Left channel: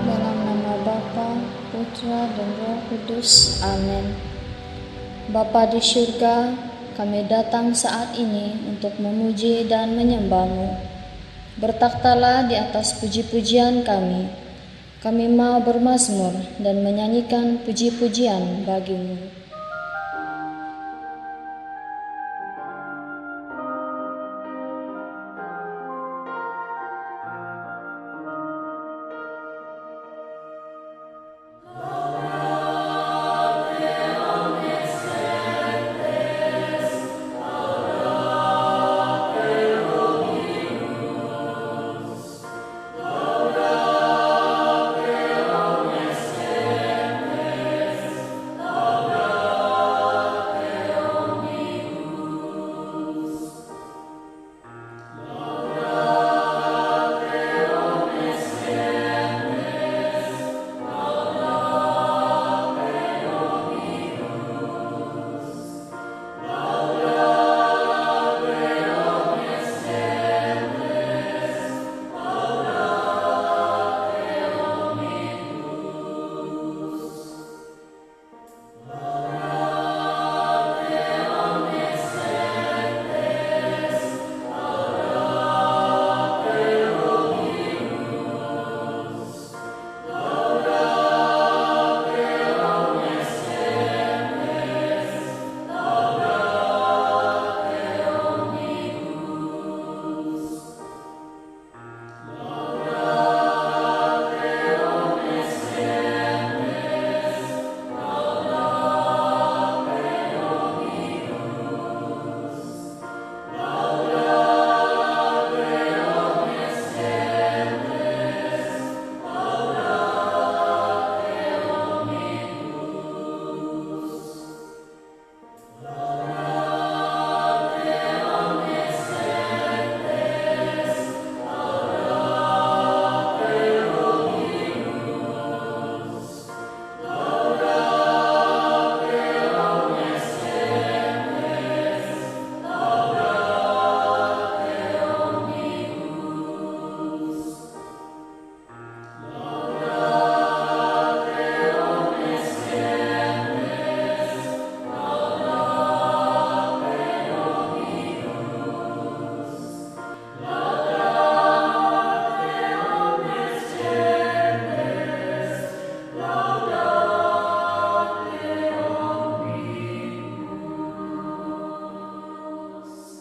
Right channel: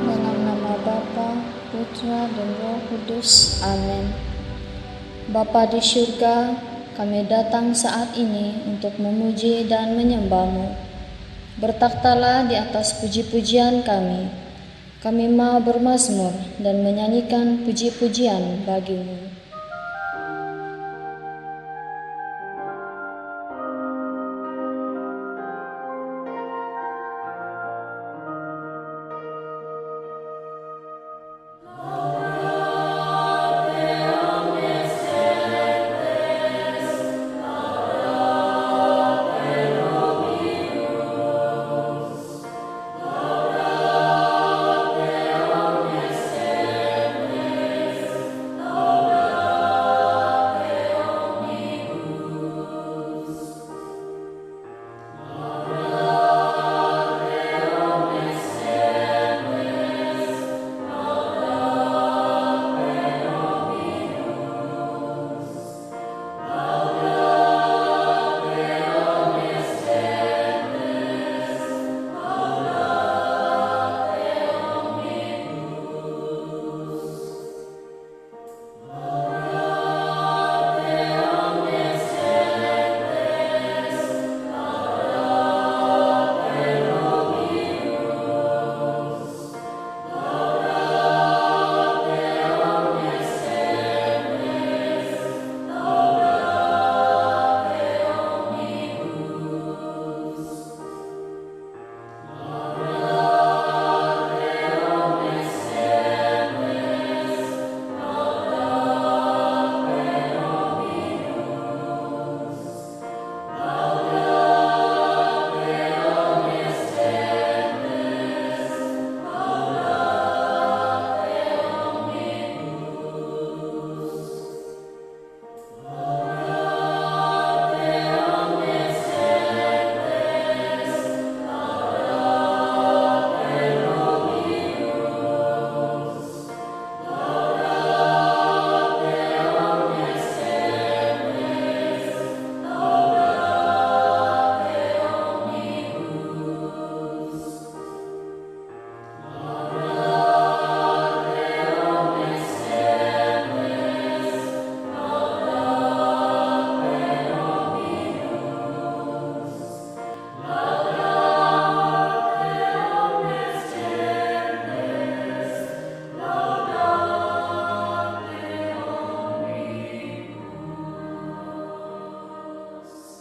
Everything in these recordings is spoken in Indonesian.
Dalam nama Bapa, Putra, dan Roh Kudus. Amin. Bapa di surga, kami datang saat ini untuk memuji dan menyembah-Mu. Bertakhtalah di atas puji-pujian kami. Kami mau bermazmur dan menyanyikan puji-pujian bagi-Mu.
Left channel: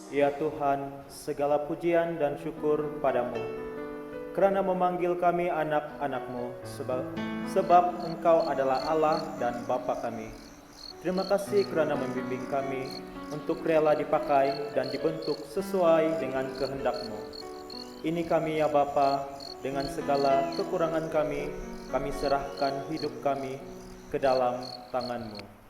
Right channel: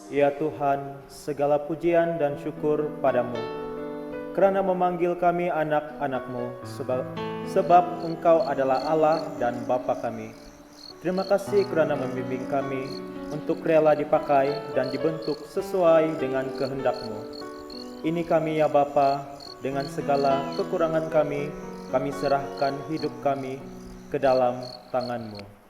Ya Tuhan, segala pujian dan syukur padamu, kerana memanggil kami anak-anak-Mu, sebab Engkau adalah Allah dan Bapa kami. Terima kasih kerana membimbing kami untuk rela dipakai dan dibentuk sesuai dengan kehendak-Mu. Ini kami ya Bapa, dengan segala kekurangan kami serahkan hidup kami ke dalam tangan-Mu.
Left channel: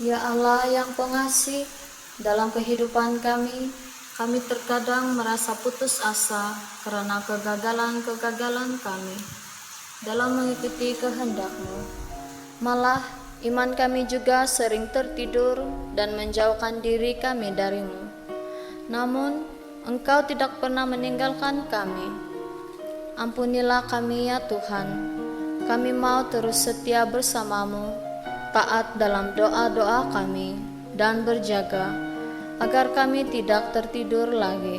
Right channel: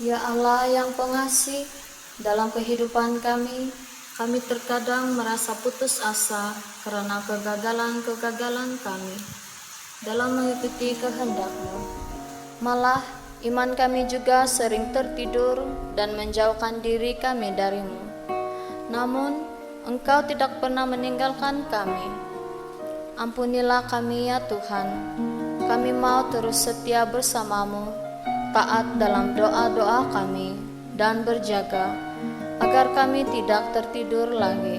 Ya Allah yang pengasih, dalam kehidupan kami terkadang merasa putus asa karena kegagalan-kegagalan kami dalam mengikuti kehendak-Mu. Malah, iman kami juga sering tertidur dan menjauhkan diri kami dari-Mu. Namun, Engkau tidak pernah meninggalkan kami. Ampunilah kami ya Tuhan. Kami mau terus setia bersama-Mu, taat dalam doa-doa kami, dan berjaga agar kami tidak tertidur lagi.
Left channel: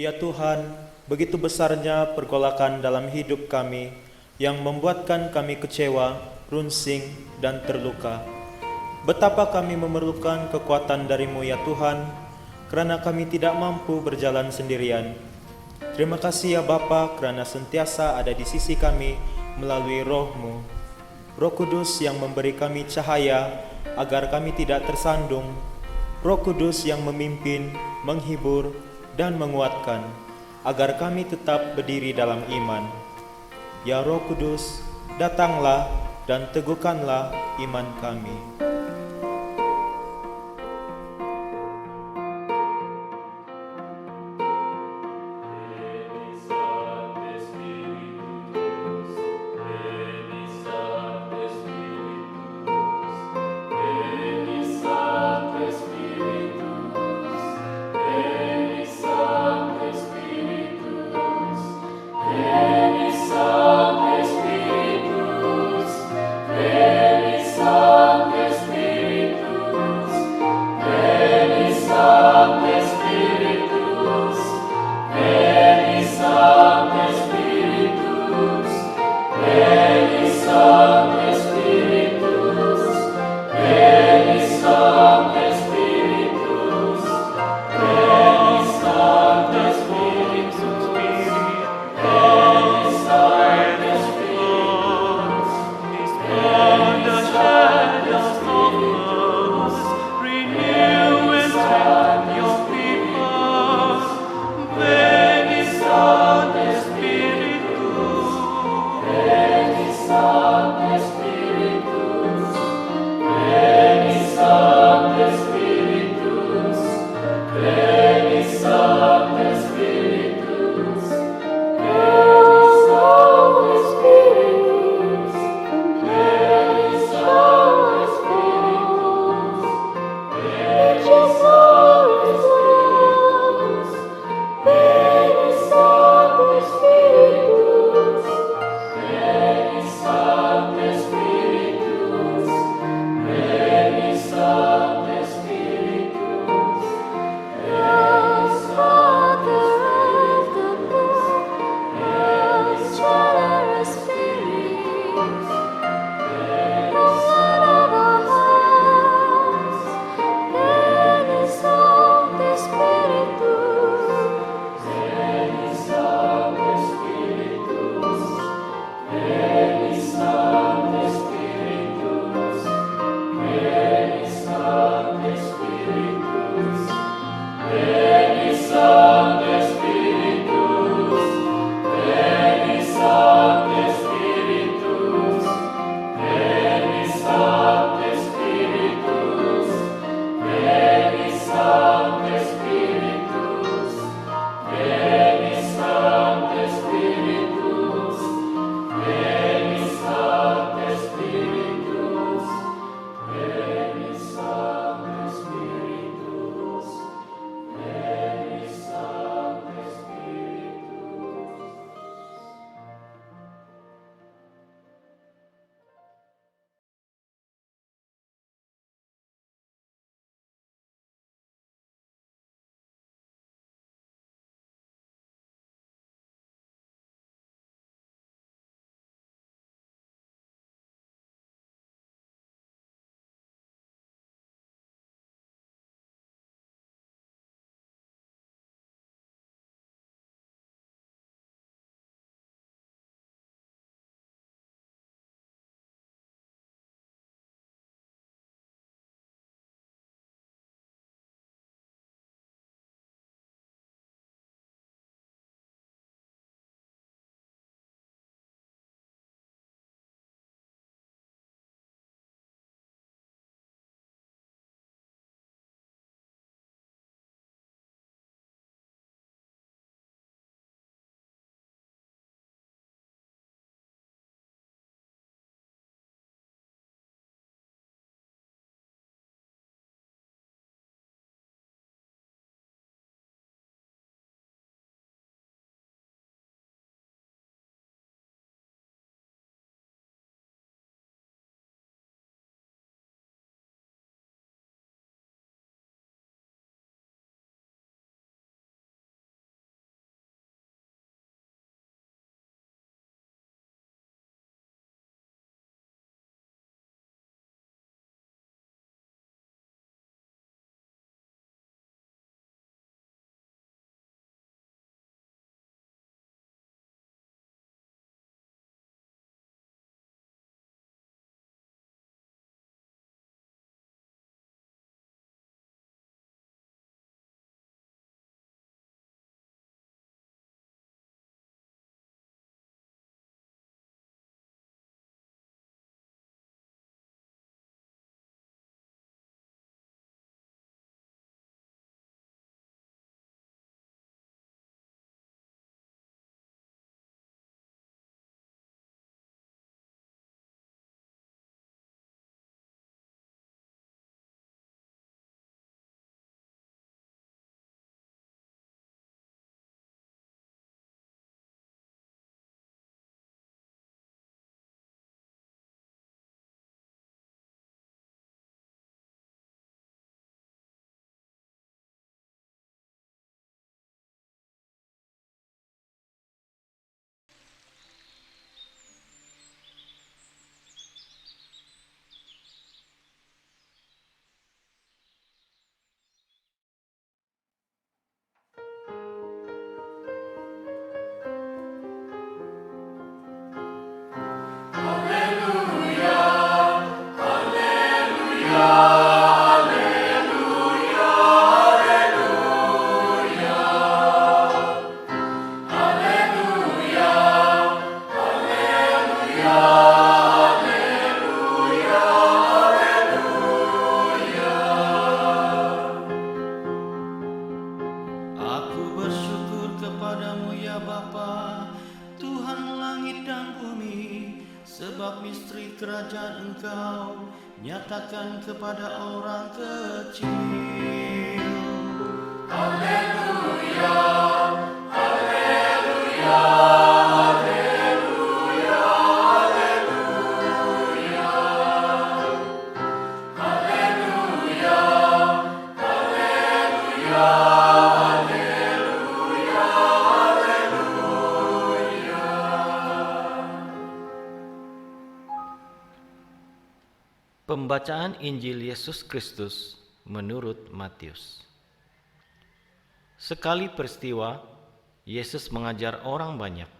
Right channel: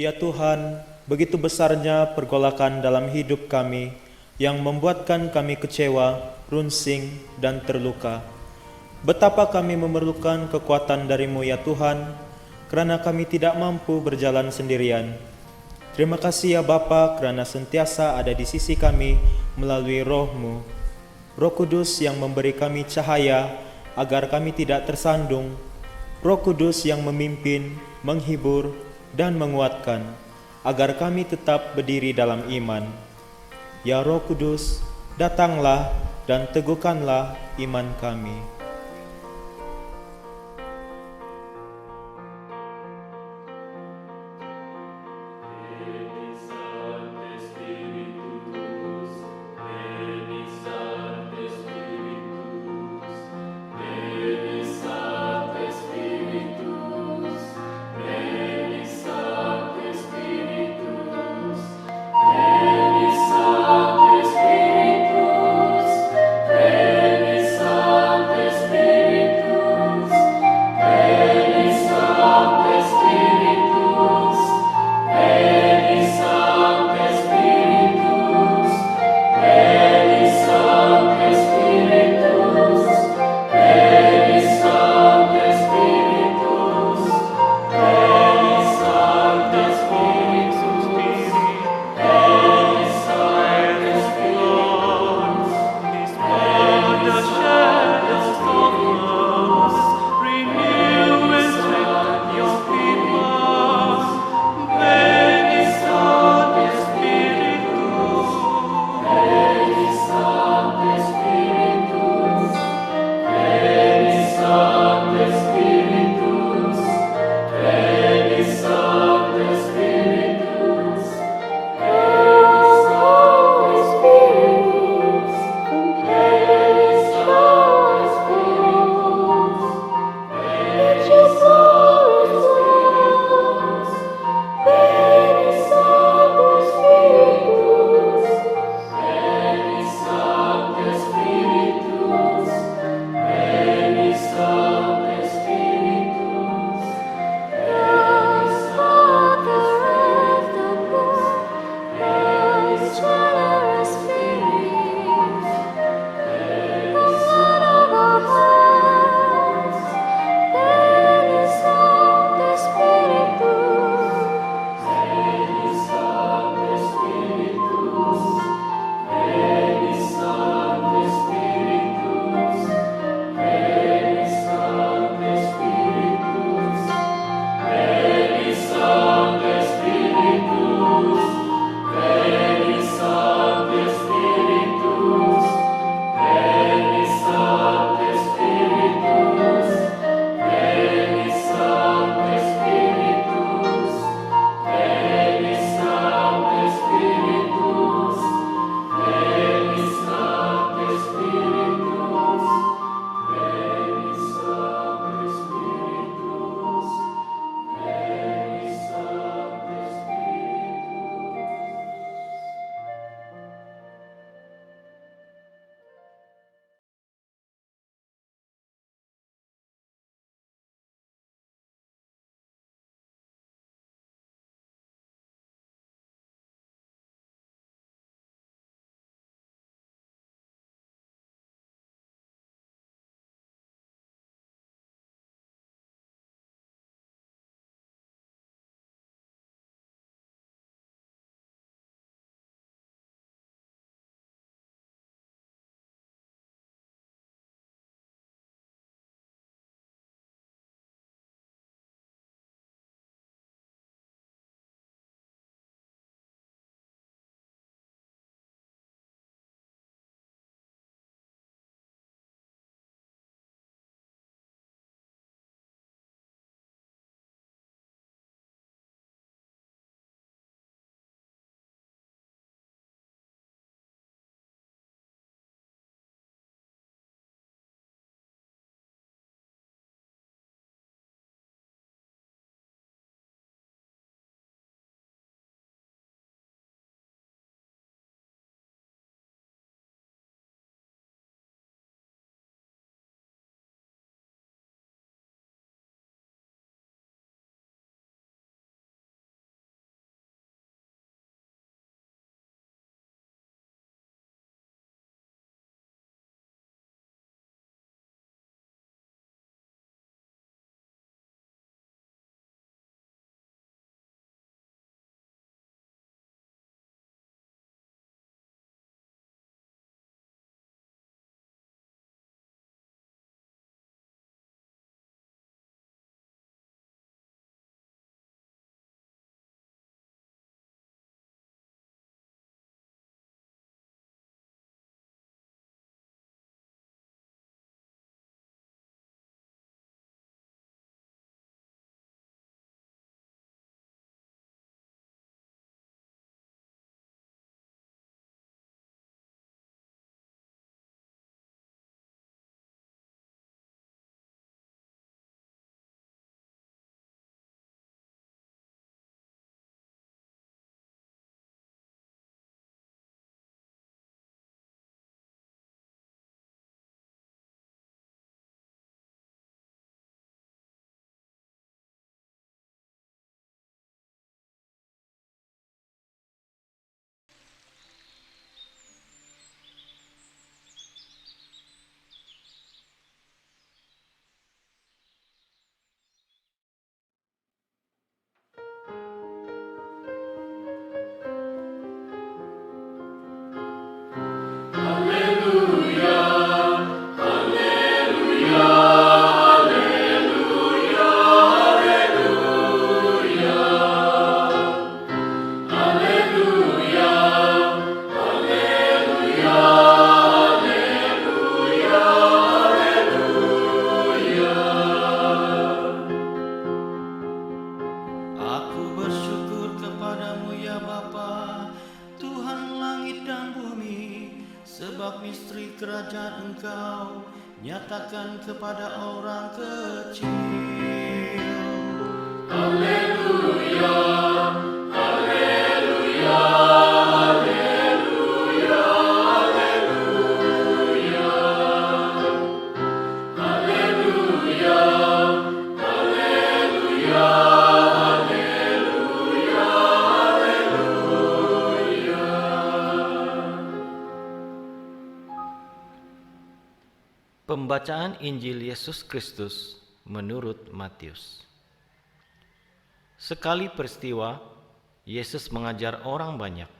Ya Tuhan, begitu besarnya pergolakan dalam hidup kami yang membuatkan kami kecewa, runsing, dan terluka. Betapa kami memerlukan kekuatan dari-Mu ya Tuhan, karena kami tidak mampu berjalan sendirian. Terima kasih ya Bapa, karena sentiasa ada di sisi kami melalui Roh-Mu. Roh Kudus yang memberi kami cahaya agar kami tidak tersandung. Roh Kudus yang memimpin, menghibur, dan menguatkan, agar kami tetap berdiri dalam iman. Ya Roh Kudus, datanglah dan teguhkanlah iman kami. Sancte Spiritus, kepadamu ya Bapa, Tuhan langit dan bumi, sebab misteri kerajaan Engkau nyatakan kepada orang kecil. Haleluya, haleluya, haleluya, haleluya, haleluya, haleluya, haleluya, haleluya. Pembacaan Injil Yesus Kristus menurut Matius. Sekali peristiwa, Yesus mengajar orang banyak.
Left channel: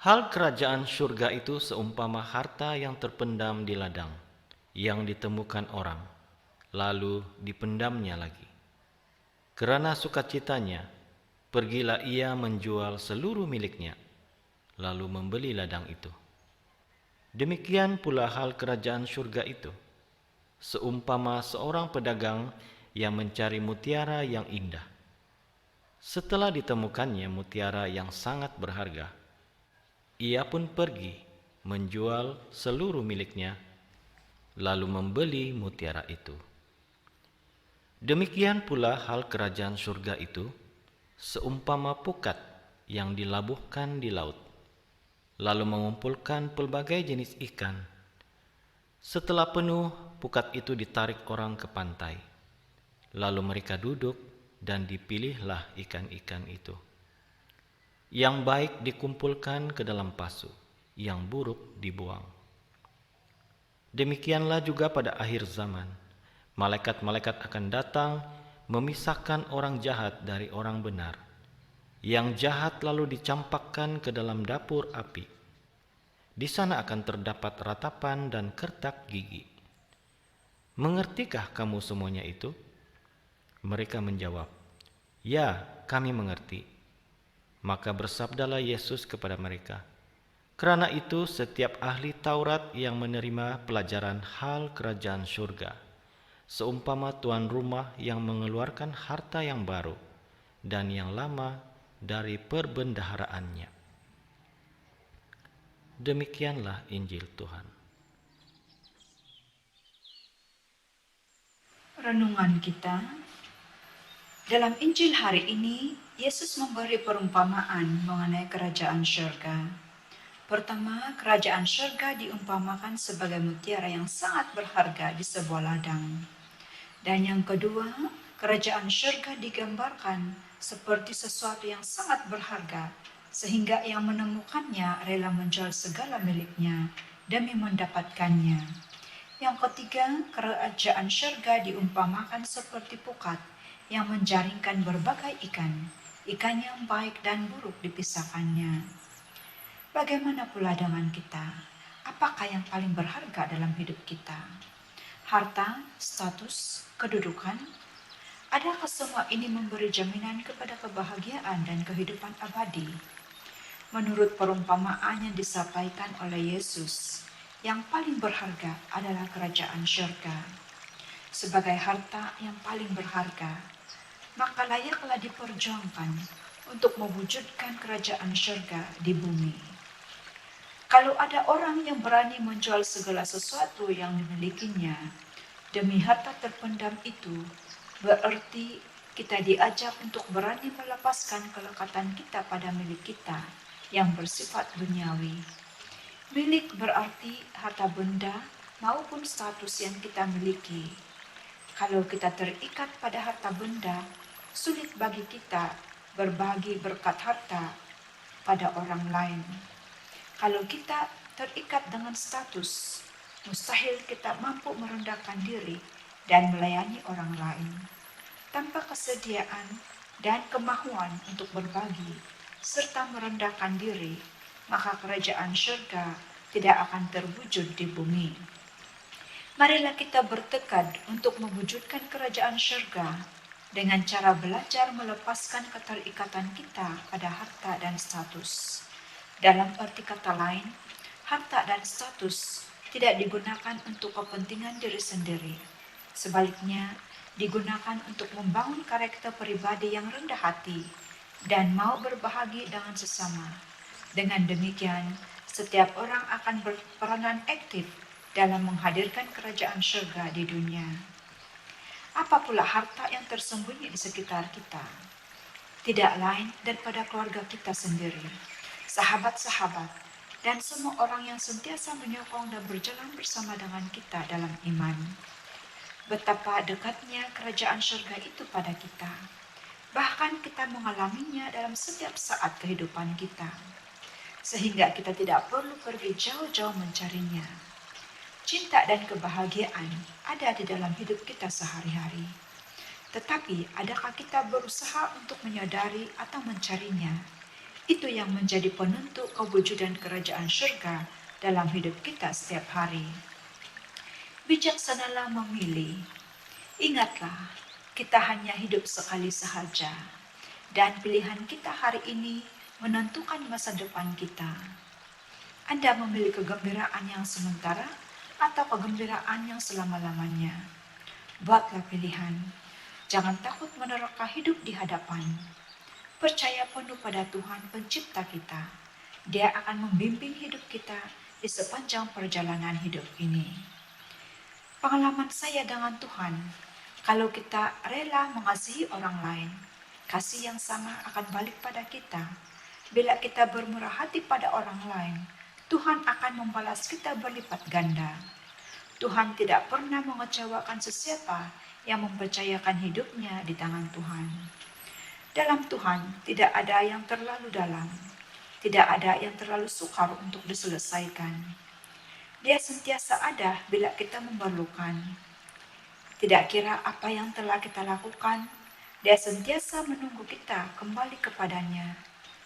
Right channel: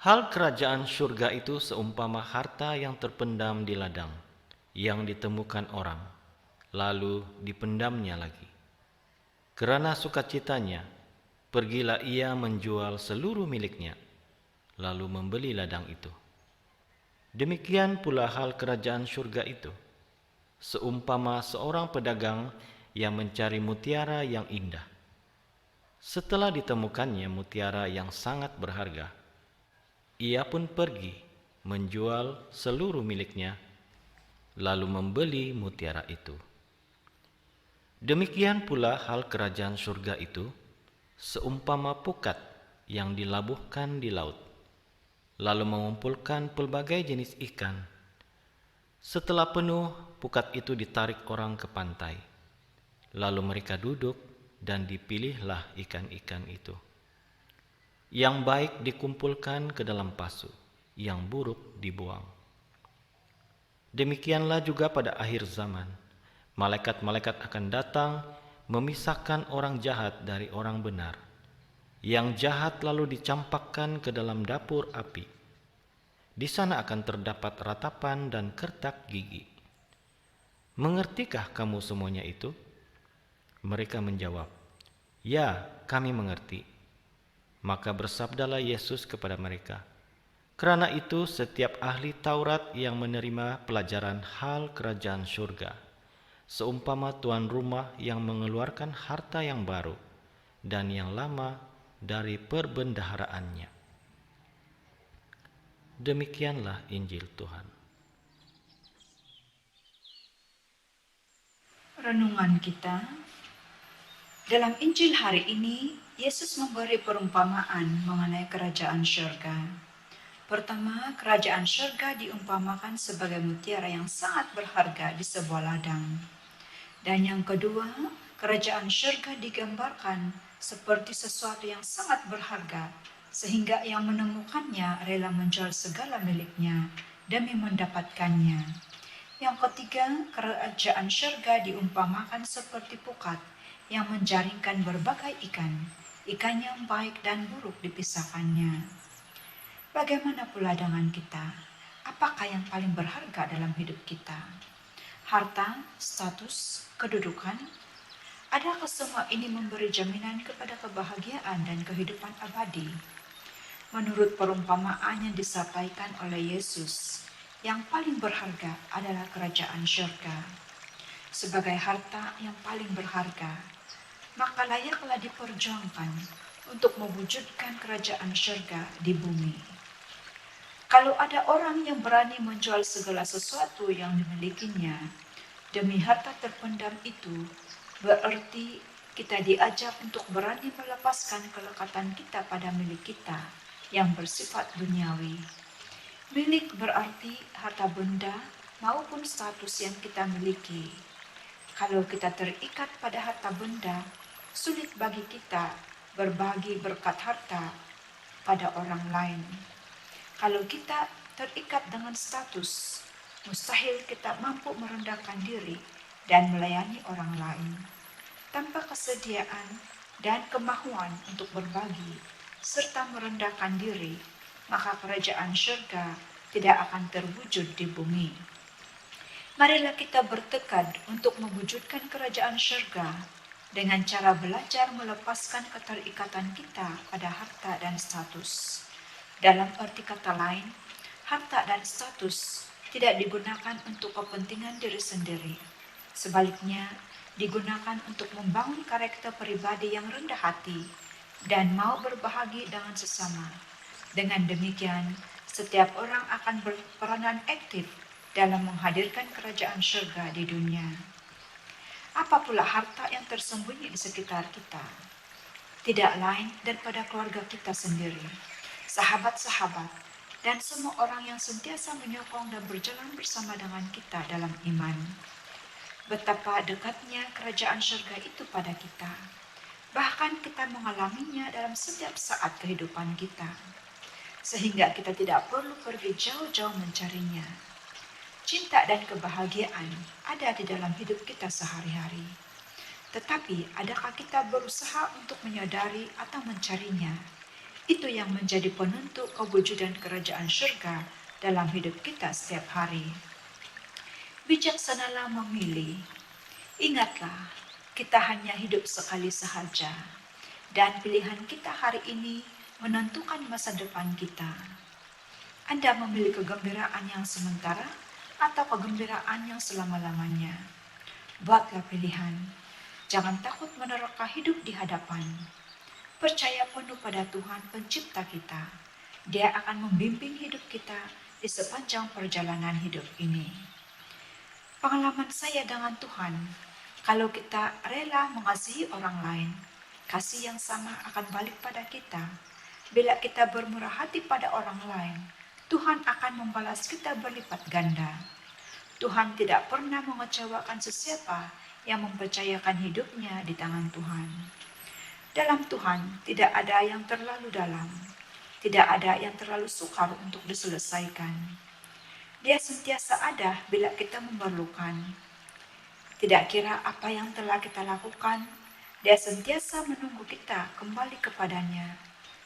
Hal kerajaan surga itu seumpama harta yang terpendam di ladang, yang ditemukan orang, lalu dipendamnya lagi. Kerana sukacitanya, pergilah ia menjual seluruh miliknya, lalu membeli ladang itu. Demikian pula hal kerajaan surga itu, seumpama seorang pedagang yang mencari mutiara yang indah. Setelah ditemukannya mutiara yang sangat berharga, ia pun pergi menjual seluruh miliknya, lalu membeli mutiara itu. Demikian pula hal kerajaan surga itu, seumpama pukat yang dilabuhkan di laut, lalu mengumpulkan pelbagai jenis ikan. Setelah penuh, pukat itu ditarik orang ke pantai. Lalu mereka duduk dan dipilihlah ikan-ikan itu. Yang baik dikumpulkan ke dalam pasu, yang buruk dibuang. Demikianlah juga pada akhir zaman, malaikat-malaikat akan datang memisahkan orang jahat dari orang benar. Yang jahat lalu dicampakkan ke dalam dapur api. Di sana akan terdapat ratapan dan kertak gigi. Mengertikah kamu semuanya itu? Mereka menjawab, "Ya, kami mengerti." Maka bersabdalah Yesus kepada mereka, "Kerana itu setiap ahli Taurat yang menerima pelajaran hal kerajaan surga, seumpama tuan rumah yang mengeluarkan harta yang baru dan yang lama dari perbendaharaannya." Demikianlah Injil Tuhan. Renungan kita. Dalam Injil hari ini, Yesus memberi perumpamaan mengenai kerajaan surga. Pertama, kerajaan surga diumpamakan sebagai mutiara yang sangat berharga di sebuah ladang. Dan yang kedua, kerajaan surga digambarkan seperti sesuatu yang sangat berharga, sehingga yang menemukannya rela menjual segala miliknya demi mendapatkannya. Yang ketiga, kerajaan surga diumpamakan seperti pukat yang menjaringkan berbagai ikan yang baik dan buruk dipisahkannya. Bagaimana pula dengan kita? Apakah yang paling berharga dalam hidup kita? Harta, status, kedudukan? Adakah semua ini memberi jaminan kepada kebahagiaan dan kehidupan abadi? Menurut perumpamaan yang disampaikan oleh Yesus, yang paling berharga adalah kerajaan surga. Sebagai harta yang paling berharga, maka layaklah diperjuangkan untuk mewujudkan kerajaan surga di bumi. Kalau ada orang yang berani menjual segala sesuatu yang dimilikinya demi harta terpendam itu, berarti kita diajak untuk berani melepaskan kelekatan kita pada milik kita yang bersifat duniawi. Milik berarti harta benda maupun status yang kita miliki. Kalau kita terikat pada harta benda, sulit bagi kita berbagi berkat harta pada orang lain. Kalau kita terikat dengan status, mustahil kita mampu merendahkan diri dan melayani orang lain. Tanpa kesediaan dan kemahuan untuk berbagi serta merendahkan diri, maka kerajaan surga tidak akan terwujud di bumi. Marilah kita bertekad untuk mewujudkan kerajaan surga dengan cara belajar melepaskan keterikatan kita pada harta dan status. Dalam arti kata lain, harta dan status tidak digunakan untuk kepentingan diri sendiri. Sebaliknya, digunakan untuk membangun karakter pribadi yang rendah hati, dan mau berbahagi dengan sesama. Dengan demikian, setiap orang akan berperanan aktif dalam menghadirkan kerajaan surga di dunia. Apa pula harta yang tersembunyi di sekitar kita? Tidak lain daripada keluarga kita sendiri, sahabat-sahabat, dan semua orang yang sentiasa menyokong dan berjalan bersama dengan kita dalam iman. Betapa dekatnya kerajaan surga itu pada kita. Bahkan kita mengalaminya dalam setiap saat kehidupan kita, sehingga kita tidak perlu pergi jauh-jauh mencarinya. Cinta dan kebahagiaan ada di dalam hidup kita sehari-hari. Tetapi adakah kita berusaha untuk menyadari atau mencarinya? Itu yang menjadi penentu kewujudan kerajaan surga dalam hidup kita setiap hari. Bijaksanalah memilih. Ingatlah, kita hanya hidup sekali sahaja, dan pilihan kita hari ini menentukan masa depan kita. Anda memilih kegembiraan yang sementara atau kegembiraan yang selama-lamanya? Buatlah pilihan. Jangan takut menerka hidup di hadapan. Percaya penuh pada Tuhan pencipta kita. Dia akan membimbing hidup kita di sepanjang perjalanan hidup ini. Pengalaman saya dengan Tuhan, kalau kita rela mengasihi orang lain, kasih yang sama akan balik pada kita. Bila kita bermurah hati pada orang lain, Tuhan akan membalas kita berlipat ganda. Tuhan tidak pernah mengecewakan sesiapa yang mempercayakan hidupnya di tangan Tuhan. Dalam Tuhan tidak ada yang terlalu dalam, tidak ada yang terlalu sukar untuk diselesaikan. Dia sentiasa ada bila kita memerlukan. Tidak kira apa yang telah kita lakukan, Dia sentiasa menunggu kita kembali kepadanya,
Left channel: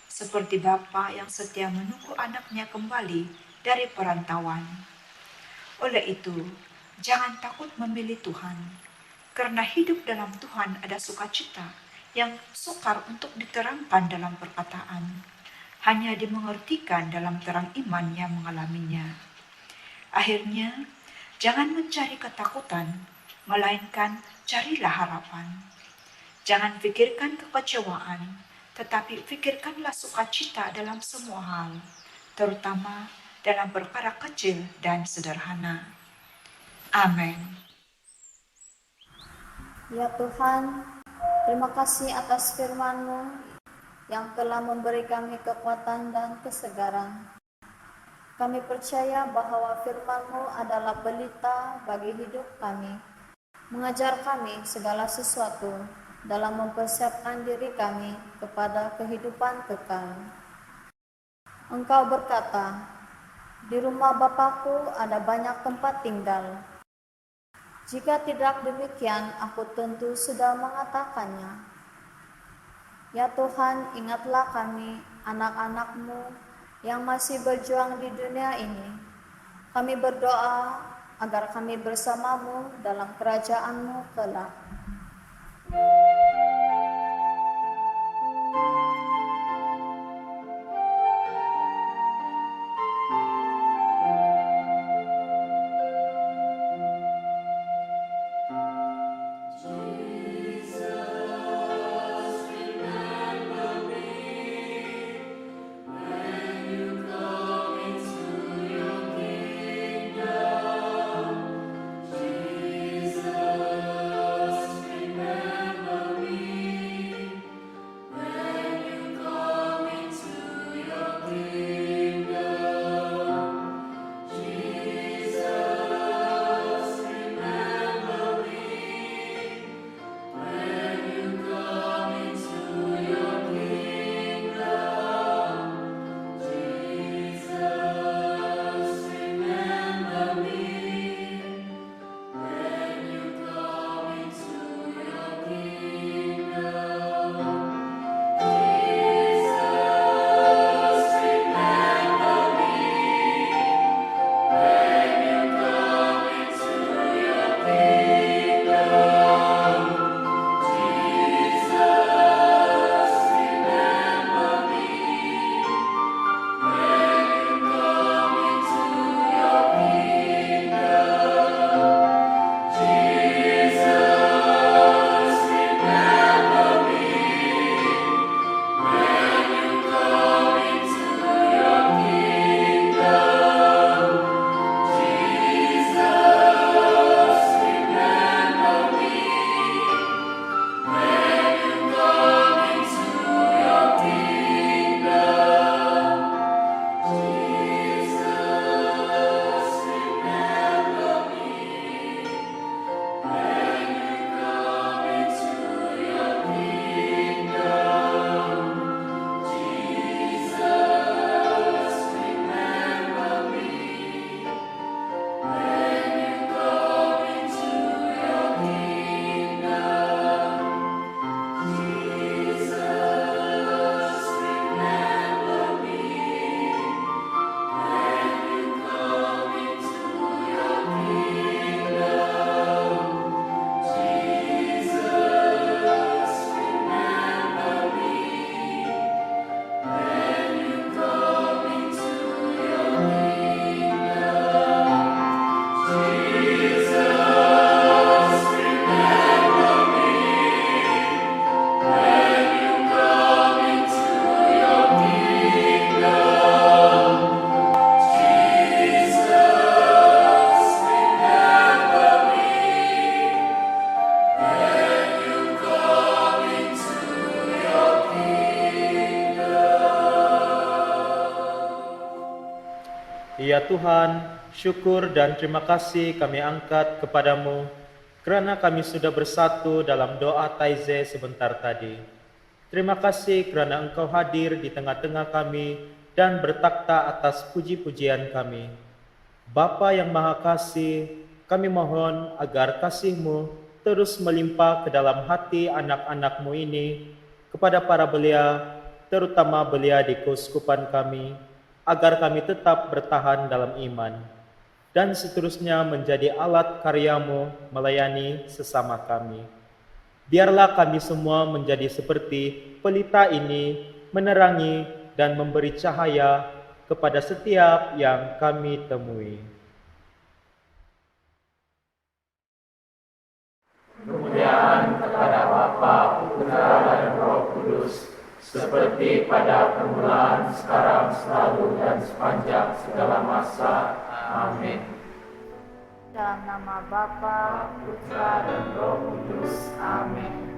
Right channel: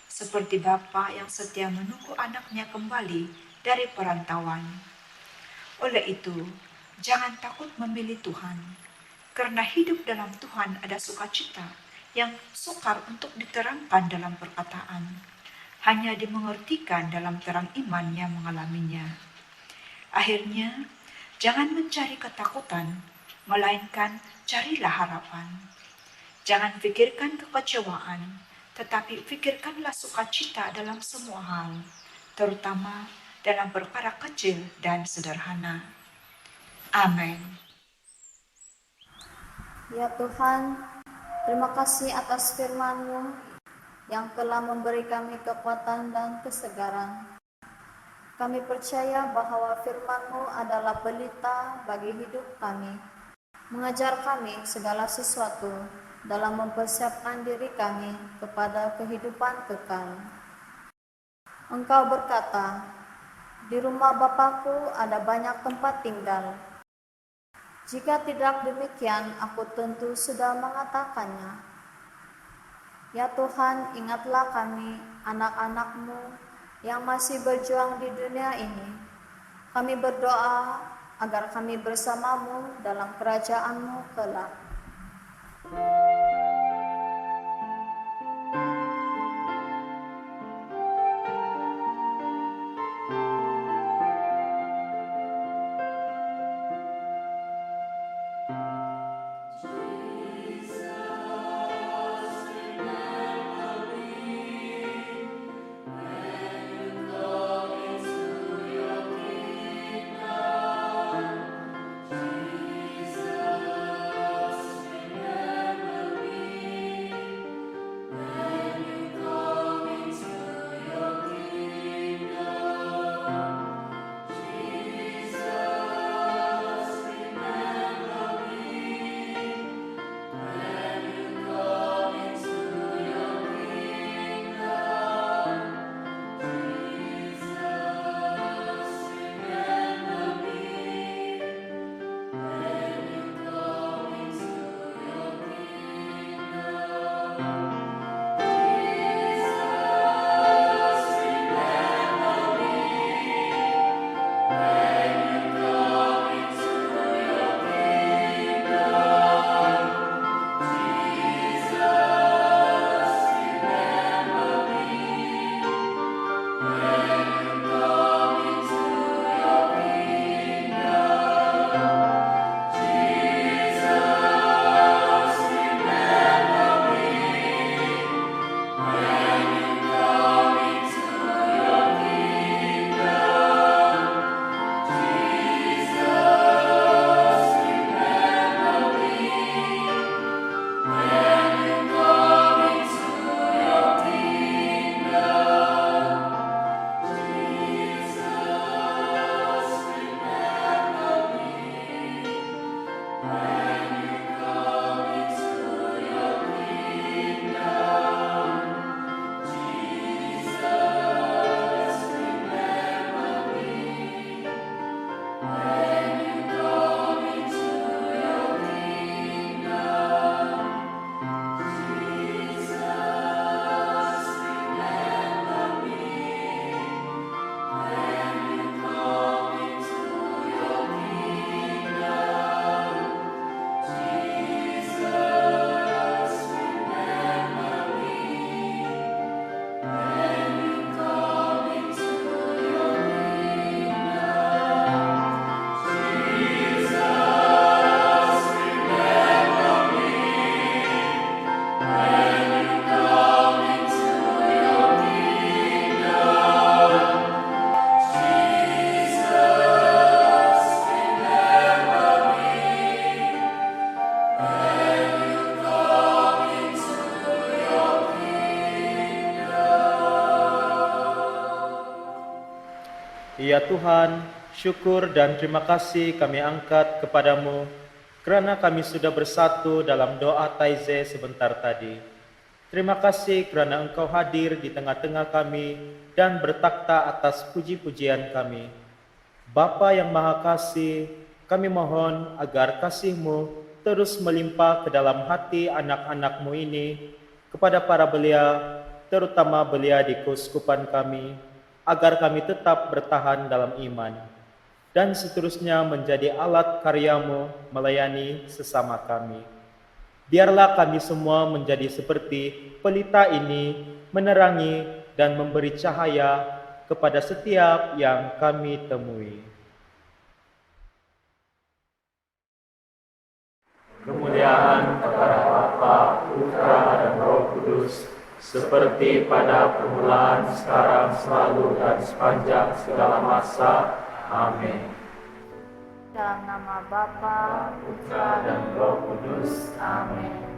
seperti bapa yang setia menunggu anaknya kembali dari perantauan. Oleh itu, jangan takut memilih Tuhan, karena hidup dalam Tuhan ada sukacita yang sukar untuk diterangkan dalam perkataan, hanya dimengertikan dalam terang iman yang mengalaminya. Akhirnya, jangan mencari ketakutan, melainkan carilah harapan. Jangan pikirkan kekecewaan, tetapi pikirkanlah sukacita dalam semua hal, terutama dalam perkara kecil dan sederhana. Amin. Ya Tuhan, terima kasih atas firman-Mu yang telah memberi kami kekuatan dan kesegaran. Kami percaya bahwa firman-Mu adalah pelita bagi hidup kami, mengajar kami segala sesuatu dalam mempersiapkan diri kami kepada kehidupan kekal. Engkau berkata, "Di rumah Bapakku ada banyak tempat tinggal. Jika tidak demikian, aku tentu sudah mengatakannya." Ya Tuhan, ingatlah kami, anak-anak-Mu yang masih berjuang di dunia ini. Kami berdoa agar kami bersama-Mu dalam kerajaan-Mu kelak. Ya Tuhan, syukur dan terima kasih kami angkat kepadamu, kerana kami sudah bersatu dalam doa taize sebentar tadi. Terima kasih kerana Engkau hadir di tengah-tengah kami dan bertakhta atas puji-pujian kami. Bapa yang Maha Kasih, kami mohon agar kasih-Mu terus melimpah ke dalam hati anak-anak-Mu ini, kepada para belia, terutama belia di keuskupan kami, agar kami tetap bertahan dalam iman, dan seterusnya menjadi alat karya-Mu melayani sesama kami. Biarlah kami semua menjadi seperti pelita ini, menerangi dan memberi cahaya kepada setiap yang kami temui. Kemuliaan kepada Bapa, Putra, dan Roh Kudus, seperti pada permulaan, sekarang, selalu, dan sepanjang segala masa. Amin. Dalam nama Bapa, Putra, dan Roh Kudus. Amin.